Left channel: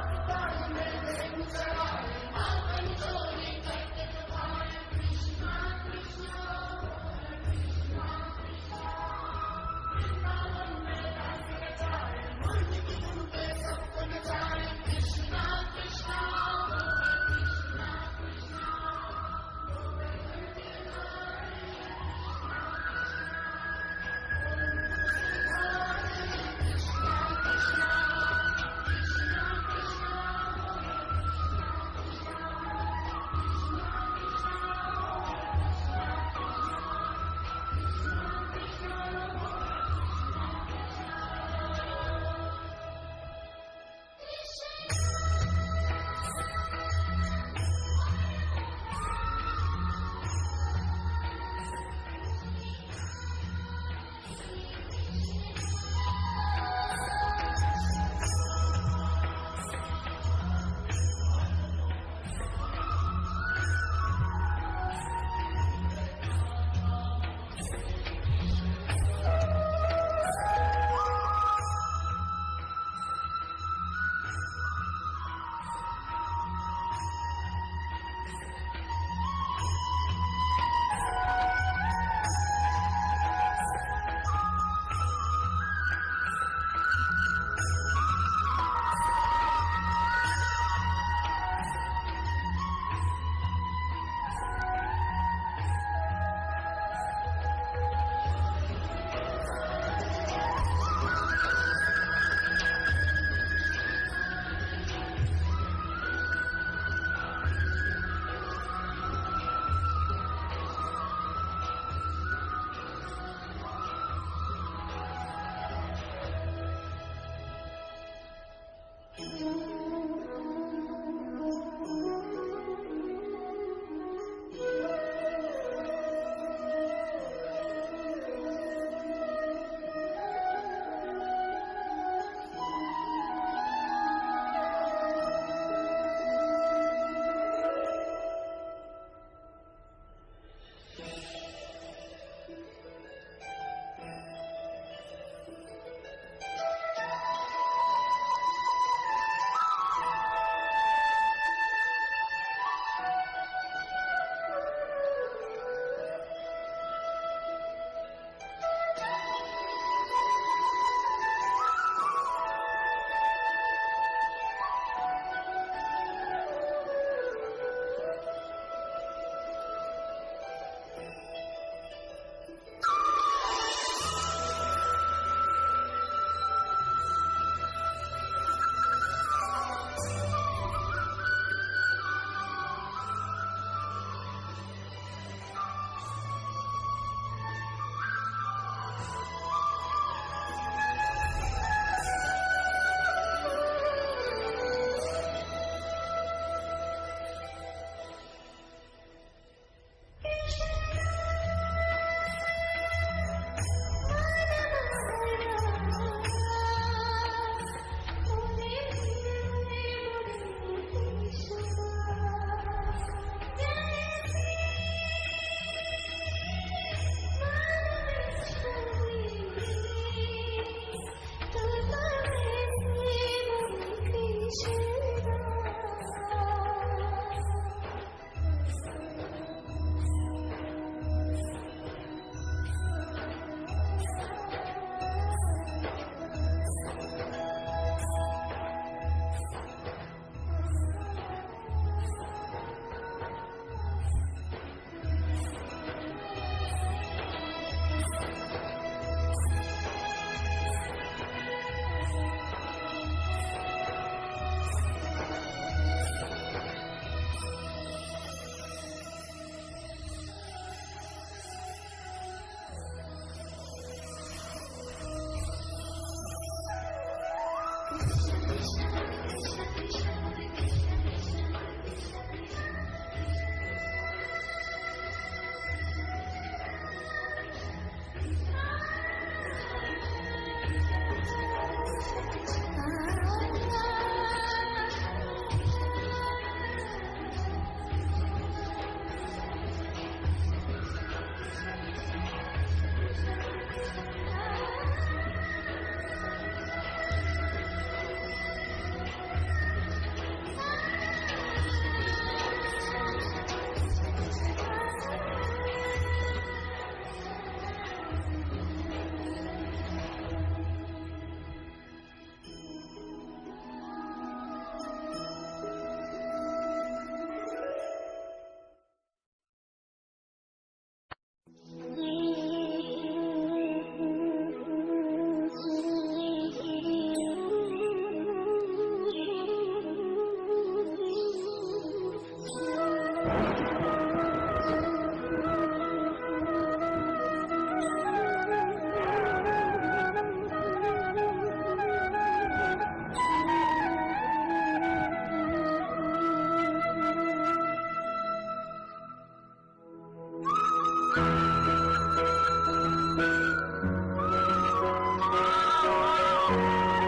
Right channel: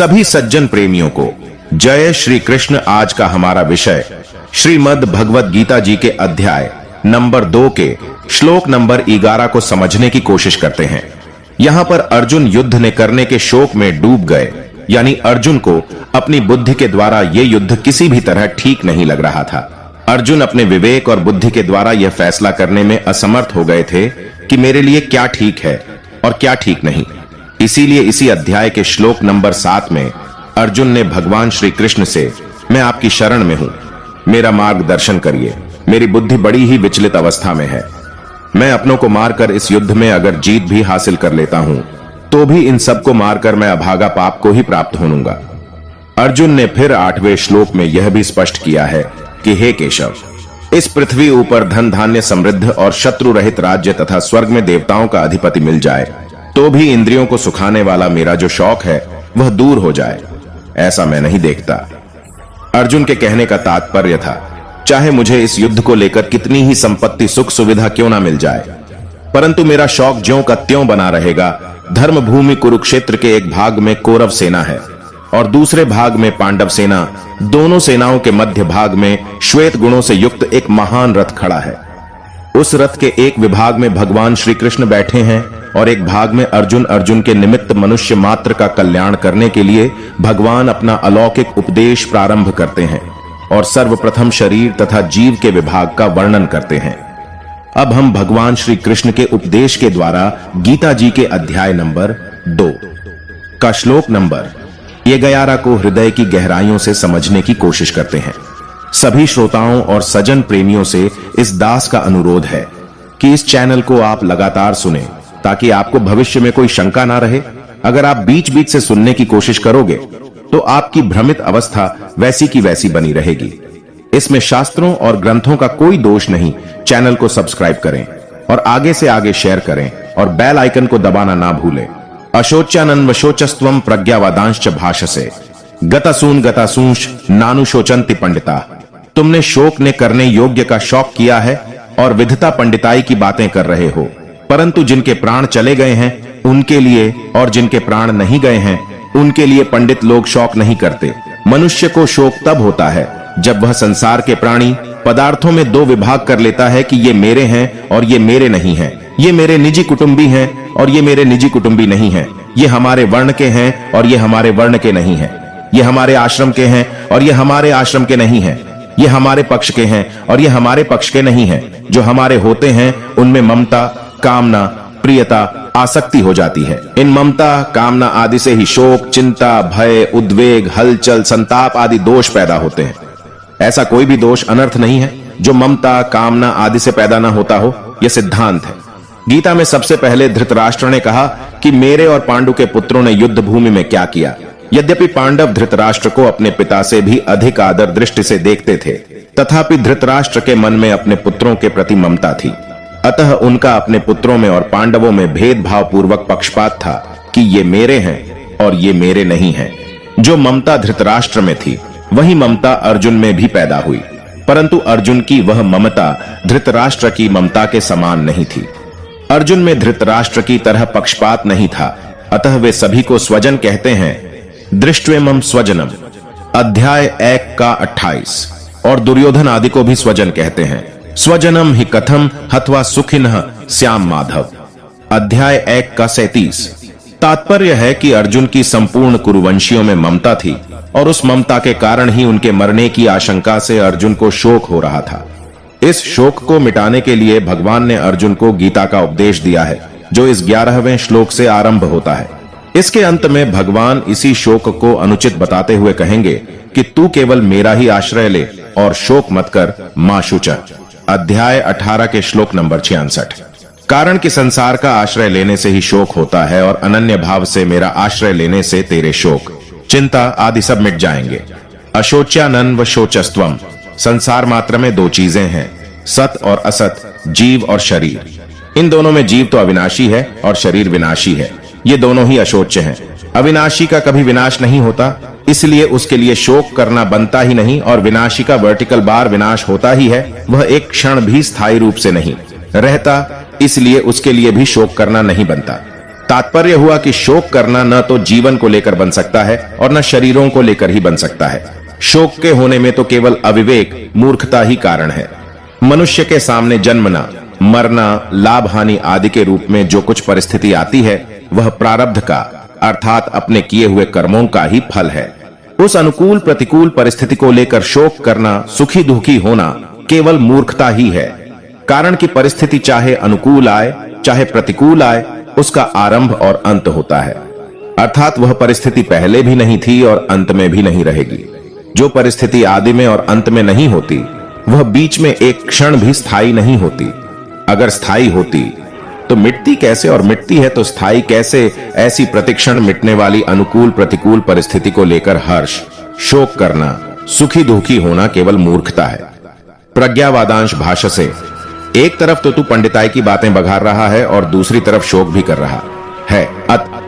सभी सज्जन प्रेमियों को जय श्री कृष्ण। आज का हमारा विषय श्रीमद् भगवत गीता जी के अध्याय नंबर 2 के श्लोक नंबर 11 को समझने की कोशिश करते हैं। यहाँ पर अर्जुन युद्ध ने करने के शोक में डूब गए, यानी अर्जुन को अपनी बुद्धि के द्वारा यह युद्ध किसी भी तरह ठीक नहीं लग रहा था। अर्जुन अपने विवेक और बुद्धि के द्वारा यह फैसला करने में असमर्थ हो गए थे कि मेरे लिए क्या ठीक है और क्या ठीक नहीं। इसीलिए इसी अध्याय के श्लोक नंबर 7 में अर्जुन ने भगवान श्री कृष्ण से, मैं आपकी शरण में हूं, मेरा मार्गदर्शन करिए, मेरी बुद्धि बड़ी ही विचलित अवस्था में है। मैं अपनों को मारकर इस युद्ध में अगर जीत भी हासिल कर लेता हूं तो भी इन सबको मारकर मैं अभागा पाप को ही प्राप्त होऊंगा। अर्जुन ने फिर 8वें श्लोक में यह भी स्पष्ट किया है कि हे केशव, इस पृथ्वी ऊपर धन धान्य समृद्ध और शत्रु रहित राज्य तथा स्वर्ग में देवताओं का अधिपति मिल जाए तो भी इंद्रियों को सुखाने वाला मेरा जो शौक है वह दूर हो जाए, ऐसा मैं नहीं देखता। अर्जुन के कहने का तात्पर्य था, चाहे मुझे इस युद्ध को लेकर कितनी ही संपत्ति सुख सुविधा क्यों ना मिल जाए, परंतु मेरा शौक ज्यों का त्यों बना रहेगा। धर्म भूमि कुरुक्षेत्र के एक भाग में कौरव सेना है और दूसरे भाग में पांडव सेना। दोनों सेनाओं के मध्य भाग में श्वेत गुणों से युक्त एक महान रथ खड़ा है। उस रथ के एक विभाग में भगवान श्री कृष्ण बैठे हैं और एक भाग में अर्जुन के निमित्त मनुष्य मात्र का कल्याण करने के लिए भगवान अपना अलौकिक उपदेश प्रारंभ करते हैं और सर्वप्रथम शरीर तथा जीव के विभाग का वर्णन करते हैं। अब हम भगवान श्री कृष्ण के उपदेश के द्वारा गीता जी के अध्याय नंबर 2 का श्लोक नंबर 11 को हृदय की गहराइयों से समझने की कोशिश करते हैं। सभी श्रोताओं और सजन प्रेमियों से इस दास का अनुरोध है कि इस चैनल को आप लगातार सुनें ताकि आपको भविष्य में कोई शंका ना रहे। अगर आप बीच बीच से सुनने की कोशिश करोगे तो आपकी भ्रमित अवस्था वैसी की वैसी बनी रहेगी। इसमें शास्त्रों और ग्रंथों का कोई दोष नहीं। चैनल को सब्सक्राइब करें और आगे से आगे शेयर करें और बेल आइकन को दबाना ना भूलें। अशोच्यानन्व शोचस्त्वम प्रज्ञावादांश्च भाषसे गतासूंश नानुशोचन्ति पंडिता। तुमने शोक ने करने योग्य का शौक किया है और विधता पंडिताई की बातें कर रहे हो, परंतु जिनके प्राण चले गए हैं उनके लिए और जिनके प्राण नहीं गए हैं उनके लिए पंडित लोग शौक नहीं करते। मनुष्य को शोक तब होता है जब वह संसार के प्राणी पदार्थों में 2 विभाग कर लेता है कि ये मेरे हैं और ये मेरे नहीं हैं, ये मेरे निजी कुटुंबी हैं और ये मेरे निजी कुटुंबी नहीं हैं, ये हमारे वर्ण के हैं और ये हमारे वर्ण के नहीं हैं, ये हमारे आश्रम के हैं और ये हमारे आश्रम के नहीं हैं, ये हमारे पक्ष के हैं और ये हमारे पक्ष के नहीं हैं। जो हमारे होते हैं उनमें ममता, कामना, प्रियता, आसक्ति हो जाती है। इन ममता, कामना आदि से ही शोक, चिंता, भय, उद्वेग, हलचल, संताप आदि दोष पैदा होते हैं। ऐसा कोई भी दोष अनर्थ नहीं है जो ममता, कामना आदि से पैदा ना होता हो, यह सिद्धांत है। गीता में सबसे पहले धृतराष्ट्र ने कहा कि मेरे और पांडु के पुत्रों ने युद्ध भूमि में क्या किया। यद्यपि पांडव धृतराष्ट्र को अपने पिता से भी अधिक आदर दृष्टि से देखते थे, तथापि धृतराष्ट्र के मन में अपने पुत्रों के प्रति ममता थी। अतः उनका अपने पुत्रों में और पांडवों में भेदभाव पूर्वक पक्षपात था कि ये मेरे हैं और ये मेरे नहीं हैं। जो ममता धृतराष्ट्र में थी वही ममता अर्जुन में भी पैदा हुई, परंतु अर्जुन की वह ममता धृतराष्ट्र की ममता के समान नहीं थी। अर्जुन में धृतराष्ट्र की तरह पक्षपात नहीं था, अतः वे सभी को स्वजन कहते हैं। दृष्ट्वेमं स्वजनम अध्याय 1 का 28 और दुर्योधन आदि को भी स्वजन कहते हैं। स्वजनम ही कथम हत्वा सुखिनः श्याम माधव अध्याय 1 का 37। तात्पर्य है कि अर्जुन की संपूर्ण कुरुवंशियों में ममता थी और उस ममता के कारण ही उनके मरने की आशंका से अर्जुन को शोक हो रहा था। इस शोक को मिटाने के लिए भगवान ने अर्जुन को गीता का उपदेश दिया है, जो इस 11वें श्लोक से आरंभ होता है। इसके अंत में भगवान इसी शोक को अनुचित बताते हुए कहेंगे कि तू केवल मेरा ही आश्रय ले और शोक मत कर, मां शुच। अध्याय 18 के श्लोक नंबर 66। कारण कि संसार का आश्रय लेने से ही शोक होता है और अनन्य भाव से मेरा आश्रय लेने से तेरे शोक, चिंता आदि सब मिट जाएंगे। अशोच्यानन्व शोचस्त्वम संसार मात्र में 2 चीजें हैं, सत और असत, जीव और शरीर। इन दोनों में जीव तो अविनाशी है और शरीर विनाशी है। ये दोनों ही अशोच्य हैं। अविनाशी का कभी विनाश नहीं होता, इसलिए उसके लिए शोक करना बनता ही नहीं, और विनाशी का वर्टिकल बार विनाश होता ही है, वह एक क्षण भी स्थायी रूप से नहीं रहता, इसलिए उसके लिए भी शोक करना नहीं बनता। तात्पर्य हुआ कि शोक करना न तो जीवन को लेकर बन सकता है और न शरीरों को लेकर ही बन सकता है। शोक के होने में तो केवल अविवेक, मूर्खता ही कारण है। मनुष्य के सामने जन्मना, मरना, लाभ हानि आदि के रूप में जो कुछ परिस्थिति आती है वह प्रारब्ध का अर्थात अपने किए हुए कर्मों का ही फल है। उस अनुकूल प्रतिकूल परिस्थिति को लेकर शोक करना, सुखी दुखी होना केवल मूर्खता ही है। कारण कि परिस्थिति चाहे अनुकूल आए चाहे प्रतिकूल आए, उसका आरंभ और अंत होता है। अर्थात वह परिस्थिति पहले भी नहीं थी और अंत में भी नहीं रहेगी। जो परिस्थिति आदि में और अंत में नहीं होती वह बीच में एक क्षण भी स्थायी नहीं होती। अगर स्थायी होती तो मिटती कैसे, और मिटती है तो स्थायी कैसे? ऐसी प्रतिक्षण मिटने वाली अनुकूल प्रतिकूल परिस्थिति को लेकर हर्ष, शोक करना, सुखी दुखी होना केवल मूर्खता है। प्रज्ञावादांश भाष्य से एक तरफ तो तू पंडिताई की बातें बघार रहा है और दूसरी तरफ शोक भी कर रहा है।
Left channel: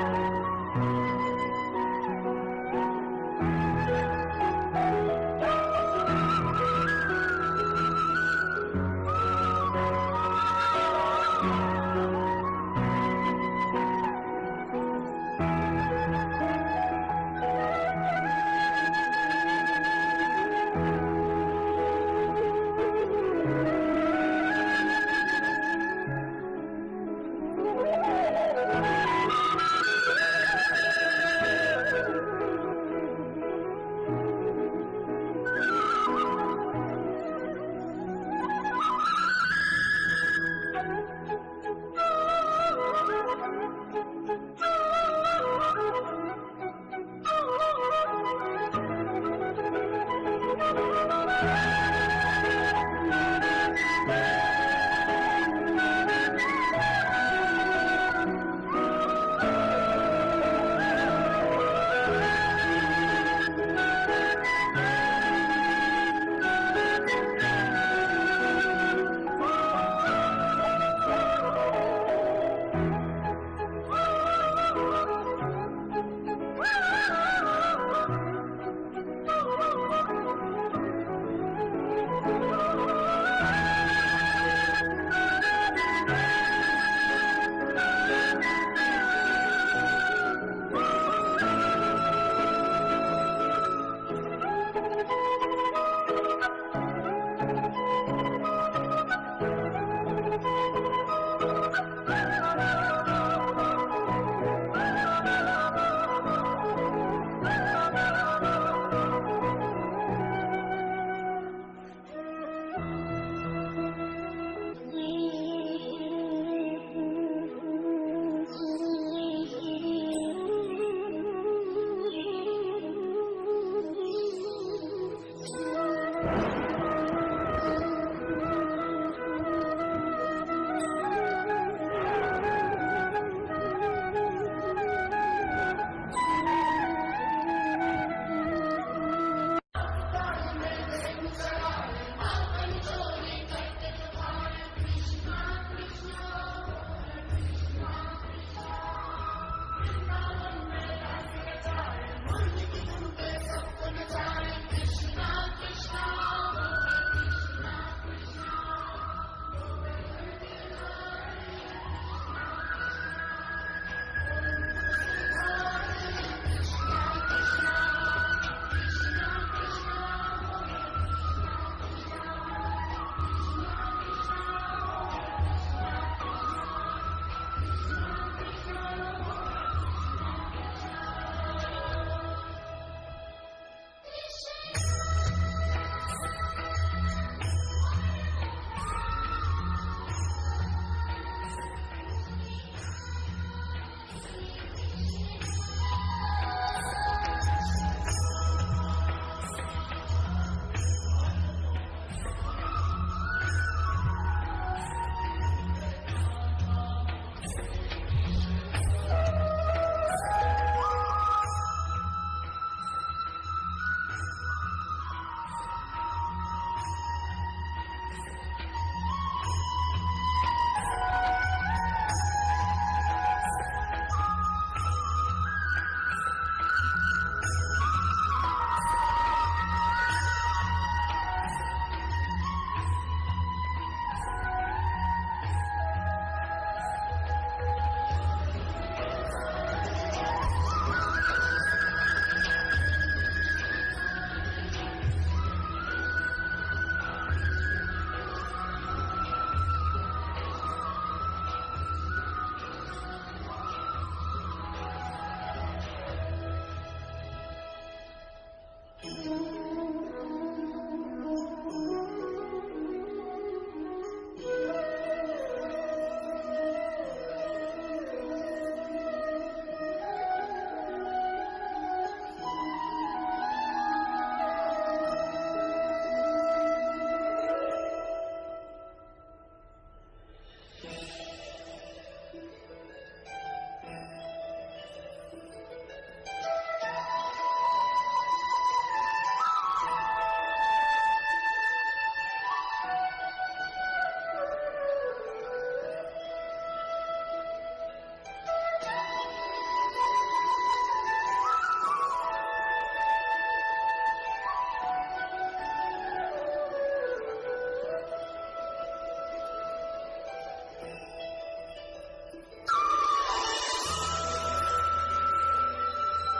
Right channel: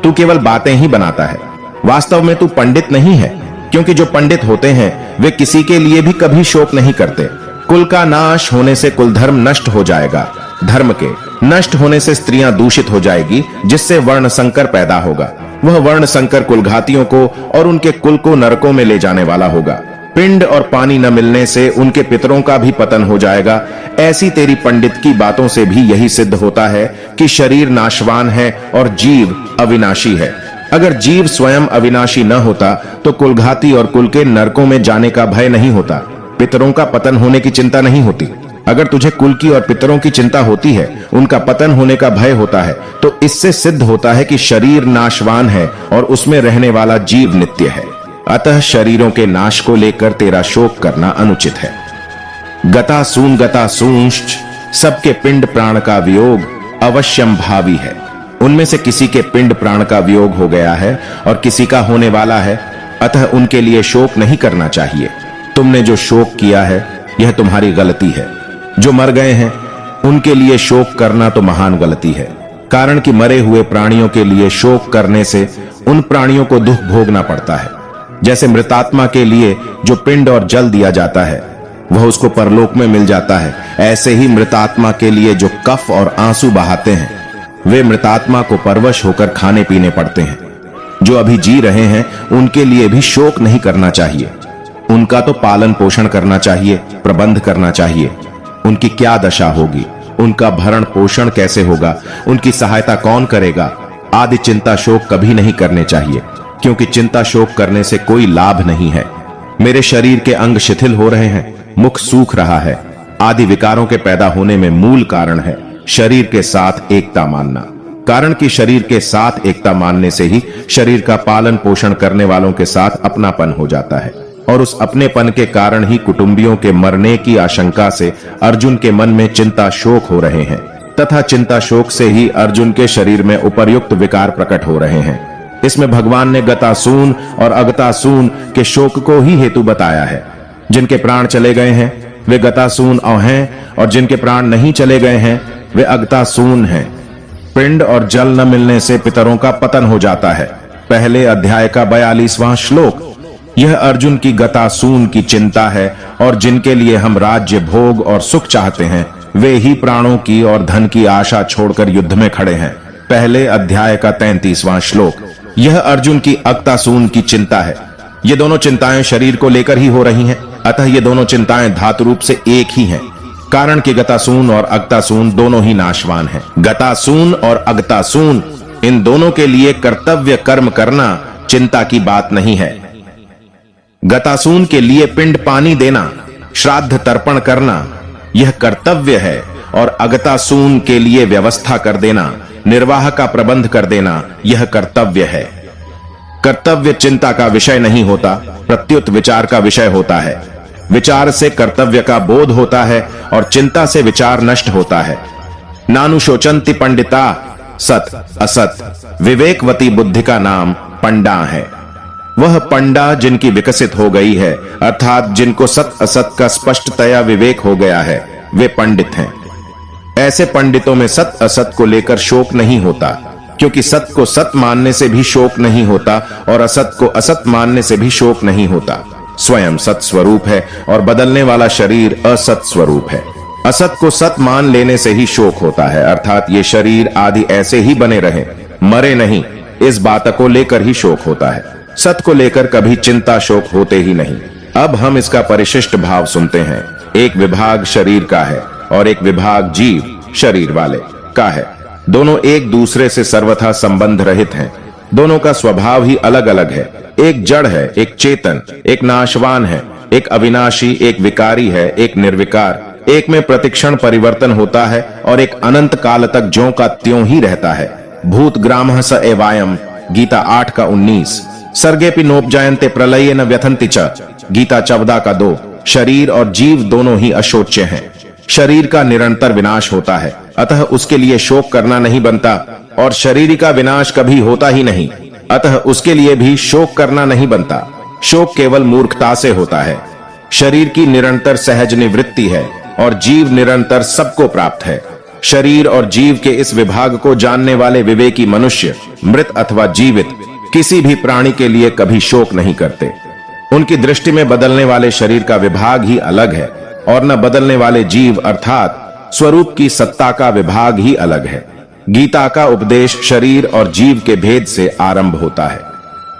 तू केवल बातें ही बनाता है, वास्तव में तू पंडित नहीं है। क्योंकि जो पंडित होते हैं वे किसी के लिए भी कभी शोक नहीं करते। कुल का नाश होने से कुल धर्म नष्ट हो जाएगा, धर्म के नष्ट होने से स्त्रियां दूषित हो जाएगी, जिससे वर्ण संकर पैदा होगा। वह वर्ण संकर कुलघातियों को और उनके कुल को नरकों में ले जाने वाला होगा। पिंड और पानी न मिलने से उनके पितरों का भी पतन हो जाएगा। ऐसी तेरी पंडित की बातों से भी यही सिद्ध होता है कि शरीर नाशवान है और जीव अविनाशी है। अगर जीव स्वयं अविनाशी न होता तो कुलघाती और कुल के नरकों में जाने का भय नहीं होता, पितरों का पतन होने की चिंता नहीं होती। अगर तुझे कुल की और पितरों की चिंता होती है, उनका पतन होने का भय होता है, तो इससे सिद्ध होता है कि शरीर नाशवान है और उसमें रहने वाला जीव नित्य है। अतः शरीरों के नाश को लेकर तेरा शोक करना अनुचित है। गता सूंश्च, सबके पिंड प्राण का वियोग अवश्यम भावी है। उनमें से किसी के पिंड प्राण का वियोग हो गया है और किसी का होने वाला है, अतः उनके लिए शोक नहीं करना चाहिए। तुमने जो शोक किया है यह तुम्हारी गलती है। जो मर गए हैं उनके लिए शोक करना तो महान गलती है। कारण कि मरे हुए प्राणियों के लिए शोक करने से उन प्राणियों को दुख भोगना पड़ता है। जैसे मृतात्मा के लिए जो पिंड और जल दिया जाता है वह उसको परलोक में मिल जाता है, ऐसे ही मृतात्मा के लिए जो कफ और आंसू बहाते हैं वे मृतात्मा को परवश होकर खाने पीने पड़ते हैं। जो अभी जी रहे हैं उनके लिए भी शोक नहीं करना चाहिए। उनका तो पालन पोषण करना चाहिए, प्रबंध करना चाहिए। उनकी क्या दशा होगी, उनका भरण पोषण कैसे होगा, उनकी सहायता कौन करेगा आदि चिंता शोक कभी नहीं करने चाहिए, क्योंकि चिंता शोक करने से कोई लाभ नहीं है। मेरे शरीर के अंग शिथिल हो रहे हैं, मुख सूख रहा है आदि विकारों के पैदा होने में मूल कारण है शरीर के साथ एकता मानना। कारण कि शरीर के साथ एकता मानने से ही शरीर का पालन पोषण करने वालों के साथ अपनापन हो जाता है, और उस अपनेपन के कारण ही कुटुंबियों के मरने की आशंका से अर्जुन के मन में चिंता शोक हो रहे हैं, तथा चिंता शोक से ही अर्जुन के शरीर में उपर्युक्त विकार प्रकट हो रहे हैं। इसमें भगवान ने गतासून और अगतासून के शोक को ही हेतु बताया है। जिनके प्राण चले गए हैं वे गतासून हैं, और जिनके प्राण नहीं चले गए हैं वे अगतासून हैं। पिंड और जल न मिलने से पितरों का पतन हो जाता है। पहले अध्याय का 42वां श्लोक। यह अर्जुन की गतासून की चिंता है, और जिनके लिए हम राज्य भोग और सुख चाहते हैं वे ही प्राणों की और धन की आशा छोड़कर युद्ध में खड़े हैं। पहले अध्याय का 33वां श्लोक। यह अर्जुन की अगतासून की चिंता है। ये दोनों चिंताएं शरीर को लेकर ही हो रही हैं, अतः ये दोनों चिंताएं धातु रूप से एक ही हैं। कारण कि गतासून और अगतासून दोनों ही नाशवान हैं। गतासून और अगतासून इन दोनों के लिए कर्तव्य कर्म करना चिंता की बात नहीं है। गतासून के लिए पिंड पानी देना, श्राद्ध तर्पण करना यह कर्तव्य है, और अगतासून के लिए व्यवस्था कर देना, निर्वाह का प्रबंध कर देना यह कर्तव्य है। कर्तव्य चिंता का विषय नहीं होता, प्रत्युत विचार का विषय होता है। विचार से कर्तव्य का बोध होता है और चिंता से विचार नष्ट होता है। नानुशोचंति पंडिता सत असत, विवेकवती बुद्धि का नाम पंडा है। वह पंडा जिनकी विकसित हो गई है, अर्थात जिनको सत असत का स्पष्टतया विवेक हो गया है, वे पंडित हैं। ऐसे पंडितों में सत असत को लेकर शोक नहीं होता, क्योंकि सत को सत मानने से भी शोक नहीं होता और असत को असत मानने से भी शोक नहीं होता। स्वयं सत स्वरूप है और बदलने वाला शरीर असत स्वरूप है। असत को सत मान लेने से ही शोक होता है, अर्थात ये शरीर आदि ऐसे ही बने रहे, मरे नहीं, इस बात को लेकर ही शोक होता है। सत को लेकर कभी चिंता शोक होते ही नहीं। अब हम इसका परिशिष्ट भाव सुनते हैं। एक विभाग शरीर का है और एक विभाग जीव शरीर वाले का है। दोनों एक दूसरे से सर्वथा संबंध रहित हैं। दोनों का स्वभाव ही अलग अलग है। एक जड़ है, एक चेतन, एक नाशवान है, एक अविनाशी, एक विकारी है, एक निर्विकार। एक में प्रतिक्षण परिवर्तन होता है और एक अनंत काल तक ज्यों का त्यों ही रहता है। भूत ग्रामः स एवायम्, गीता 8 का 19। सर्गेपि नोपजायन्ते प्रलये न व्यथन्ति च, गीता 14 का 2। शरीर और जीव दोनों ही अशोच्य हैं। शरीर का निरंतर विनाश होता है, अतः उसके लिए शोक करना नहीं बनता, और शरीर का विनाश कभी होता ही नहीं, अतः उसके लिए भी शोक करना नहीं बनता। शोक केवल मूर्खता से होता है। शरीर की निरंतर सहज निवृत्ति है और जीव निरंतर सबको प्राप्त है। शरीर और जीव के इस विभाग को जानने वाले विवेकी मनुष्य मृत अथवा जीवित किसी भी प्राणी के लिए कभी शोक नहीं करते। उनकी दृष्टि में बदलने वाले शरीर का विभाग ही अलग है और न बदलने वाले जीव अर्थात स्वरूप की सत्ता का विभाग ही अलग है। गीता का उपदेश शरीर और जीव के भेद से आरंभ होता है।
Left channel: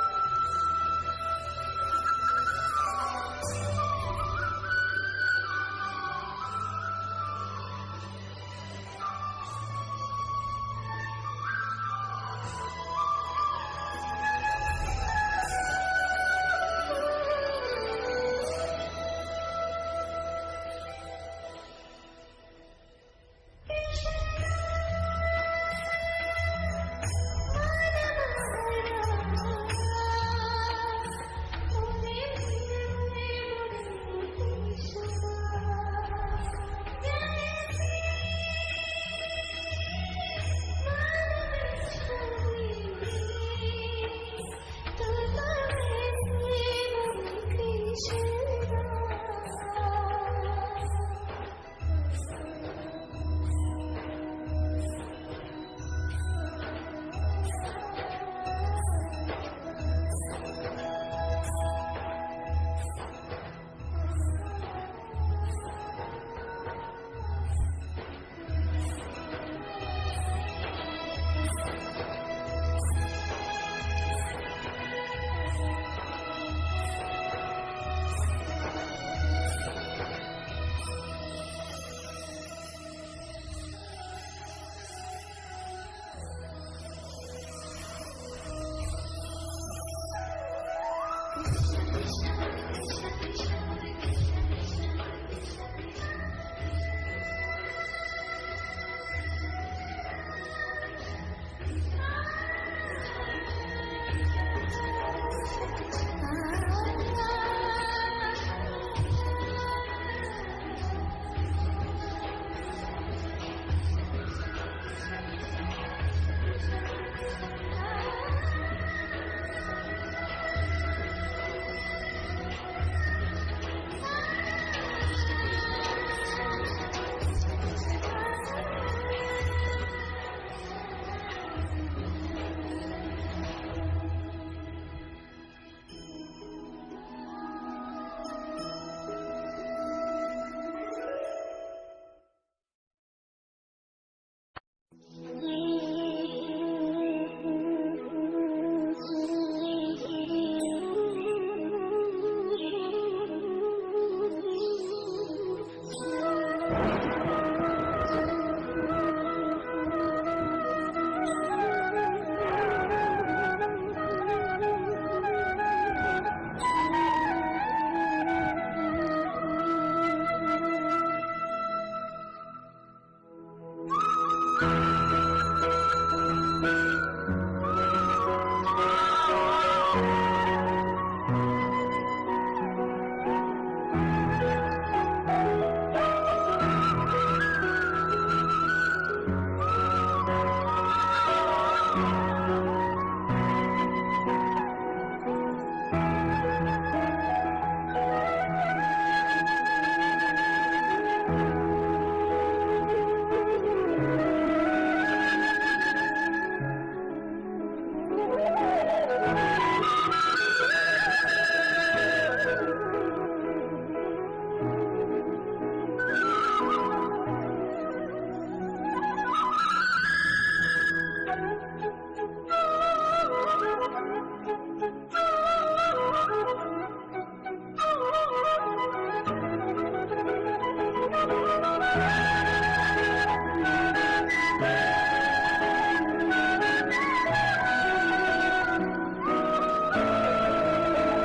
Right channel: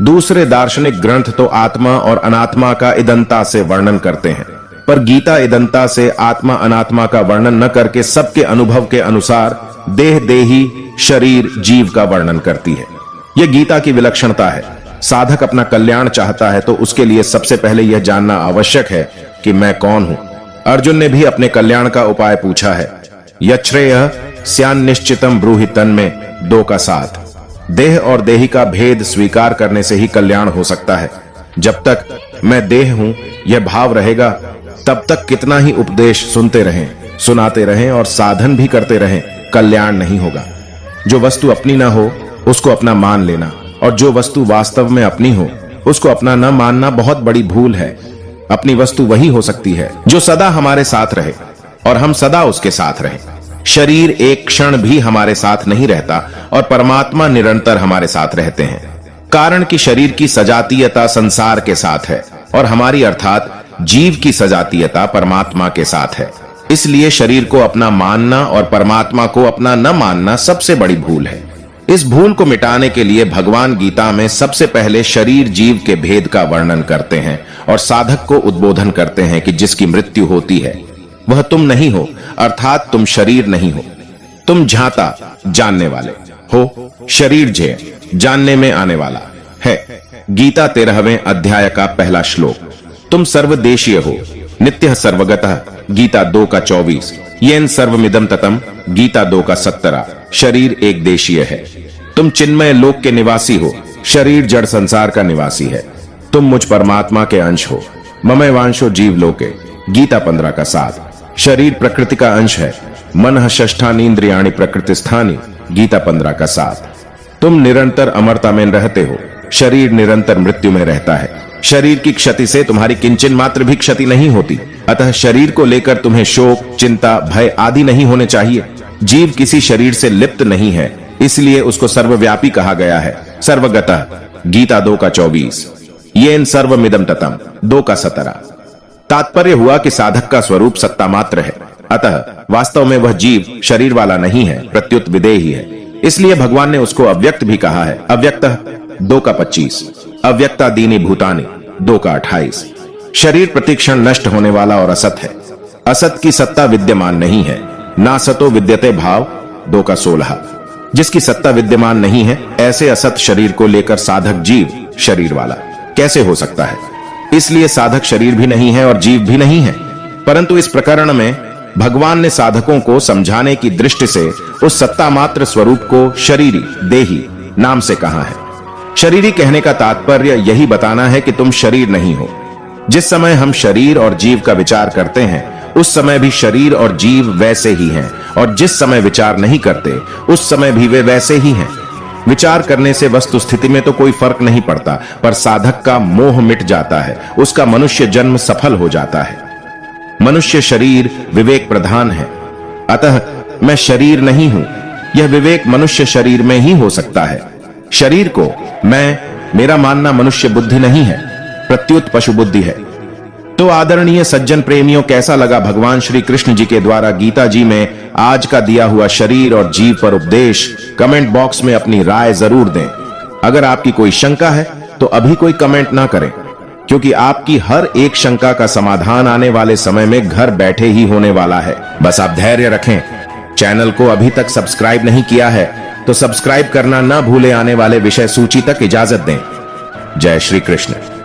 दूसरे दार्शनिक ग्रंथ तो आत्मा और अनात्मा का इदंता से वर्णन करते हैं, पर गीता इदंता से आत्मा अनात्मा का वर्णन न करके सबके अनुभव के अनुसार देह देही शरीर जीव का वर्णन करती है। यह गीता की विलक्षणता है। साधक अपना कल्याण चाहता है तो उसके लिए सबसे पहले यह जानना आवश्यक है कि मैं कौन हूं। अर्जुन ने भी अपने कल्याण का उपाय पूछा है। यच्छ्रेयः स्यान्निश्चितम् ब्रूहि तन्मे 2 का 7। देह और देही का भेद स्वीकार करने से ही कल्याण हो सकता है। जब तक मैं देह हूं यह भाव रहेगा, तब तक कितना ही उपदेश सुनते रहें, सुनाते रहें और साधन भी करते रहें, कल्याण नहीं होगा। जो वस्तु अपनी ना हो उसको अपना मान लेना, और जो वस्तु वास्तव में अपनी हो उसको अपना न मानना बहुत बड़ी भूल है। अपनी वस्तु वही हो सकती है जो सदा हमारे साथ रहे और हम सदा उसके साथ रहें। शरीर एक क्षण भी हमारे साथ नहीं रहता और परमात्मा निरंतर हमारे साथ रहते हैं, कारण कि शरीर की सजातीयता संसार के साथ है और हमारी अर्थात जीव की सजातीयता परमात्मा के साथ है। इसलिए शरीर को अपना मानना और परमात्मा को अपना न मानना सबसे बड़ी भूल है। इस भूल को मिटाने के लिए भगवान गीता में सबसे पहले शरीर जीव के भेद का वर्णन करते हैं और साधक को उद्बोधन करते हैं कि जिसकी मृत्यु होती है वह तुम नहीं हो, अर्थात तुम शरीर नहीं हो। तुम झाता जानने वाले हो, शरीर जे जानने में आने वाला है। गीता 13वें अध्याय का पहला श्लोक। तुम सर्वदेशीय हो, नित्य सर्वगतः, गीता 2 का 24। येन सर्वमिदं ततम, गीता 2 का 17। शरीर एक देशीय है। तुम चिन्मय लोक के निवासी हो, शरीर जड़ संसार का निवासी है। तुम मुझ परमात्मा के अंश हो, ममय वांशो जीव लोके, गीता 15 का 7। शरीर प्रकृति का अंश है, मनः षष्ठानींद्रियाणि प्रकृतिस्थानी, गीता 15 का 7। तुम निरंतर अमरता में रहते हो, शरीर निरंतर मृत्यु में रहता है। शरीर की क्षति से तुम्हारी किंचन मात्र भी क्षति नहीं होती, अतः शरीर को लेकर तुम्हें शोक, चिंता, भय आदि नहीं होने चाहिए। जीव किसी शरीर से लिप्त नहीं है, इसलिए उसको सर्वव्यापी कहा गया है। सर्वगतः, गीता 2 का 24। येन सर्वमिदं ततम, 2 का 17। तात्पर्य हुआ कि साधक का स्वरूप सत्ता मात्र है, अतः वास्तव में वह जीव शरीर वाला नहीं है, प्रत्युत विदेही है। इसलिए भगवान ने उसको अव्यक्त भी कहा है। अव्यक्तः 2 का 25। अव्यक्तादीनि भूतानि 2 का 28। शरीर प्रतिक्षण नष्ट होने वाला और असत है। असत की सत्ता विद्यमान नहीं है। ना सतो विद्यते भाव 2 का 16। जिसकी सत्ता विद्यमान नहीं है, ऐसे असत शरीर को लेकर साधक जीव शरीर वाला कैसे हो सकता है। इसलिए साधक शरीर भी नहीं है और जीव भी नहीं है। परंतु इस प्रकरण में भगवान ने साधकों को समझाने की दृष्टि से उस सत्ता मात्र स्वरूप को शरीरी, देही नाम से कहा है। शरीरी कहने का तात्पर्य यही बताना है कि तुम शरीर नहीं हो। जिस समय हम शरीर और जीव का विचार करते हैं उस समय भी शरीर और जीव वैसे ही हैं, और जिस समय विचार नहीं करते उस समय भी वे वैसे ही हैं। विचार करने से वस्तु स्थिति में तो कोई फर्क नहीं पड़ता, पर साधक का मोह मिट जाता है, उसका मनुष्य जन्म सफल हो जाता है। मनुष्य शरीर विवेक प्रधान है, अतः मैं शरीर नहीं हूं, यह विवेक मनुष्य शरीर में ही हो सकता है। शरीर को मैं, मेरा मानना मनुष्य बुद्धि नहीं है, प्रत्युत पशु बुद्धि है। तो आदरणीय सज्जन प्रेमियों, कैसा लगा भगवान श्री कृष्ण जी के द्वारा गीता जी में आज का दिया हुआ शरीर और जीव पर उपदेश? कमेंट बॉक्स में अपनी राय जरूर दें। अगर आपकी कोई शंका है तो अभी कोई कमेंट ना करें, क्योंकि आपकी हर एक शंका का समाधान आने वाले समय में घर बैठे ही होने वाला है। बस आप धैर्य रखें। चैनल को अभी तक सब्सक्राइब नहीं किया है तो सब्सक्राइब करना ना भूले। आने वाले विषय सूची तक इजाजत दें। जय श्री कृष्ण।